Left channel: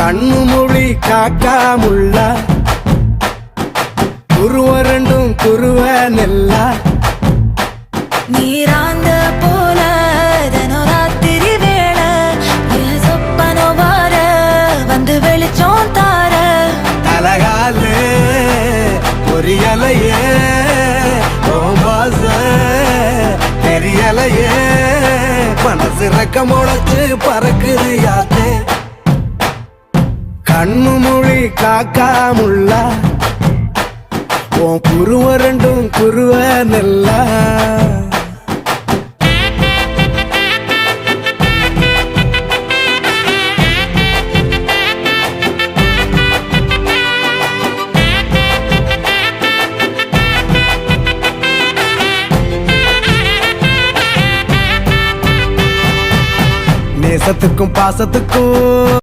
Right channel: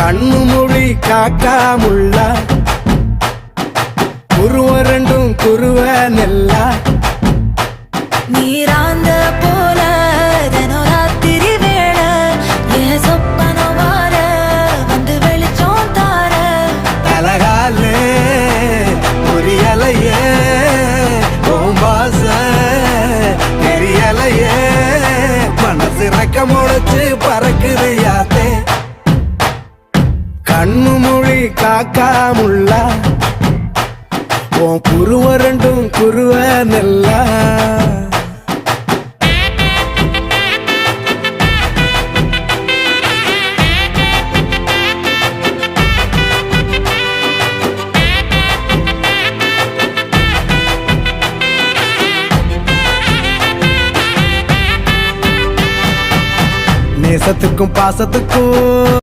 கண்ணு மொழி காக்காமுள்ள குருவ ரெண்டும் குருவ நெல்லா நீராங்க போல தினராத்திரி வேளை என் சொப்பனம் மாற வந்து வெளிச்சம் தார தலகாலே பொரியலையே ஓம்பாச பெரியலையே மனசு ரக்க முளைச்சு பறக்குதையாத்தே கண்ணு மொழி காக்காமுள்ள உன் குருவ ரெண்டும் குருவ நெல்லா நேசத்துக்கும் பாசத்துக்கும்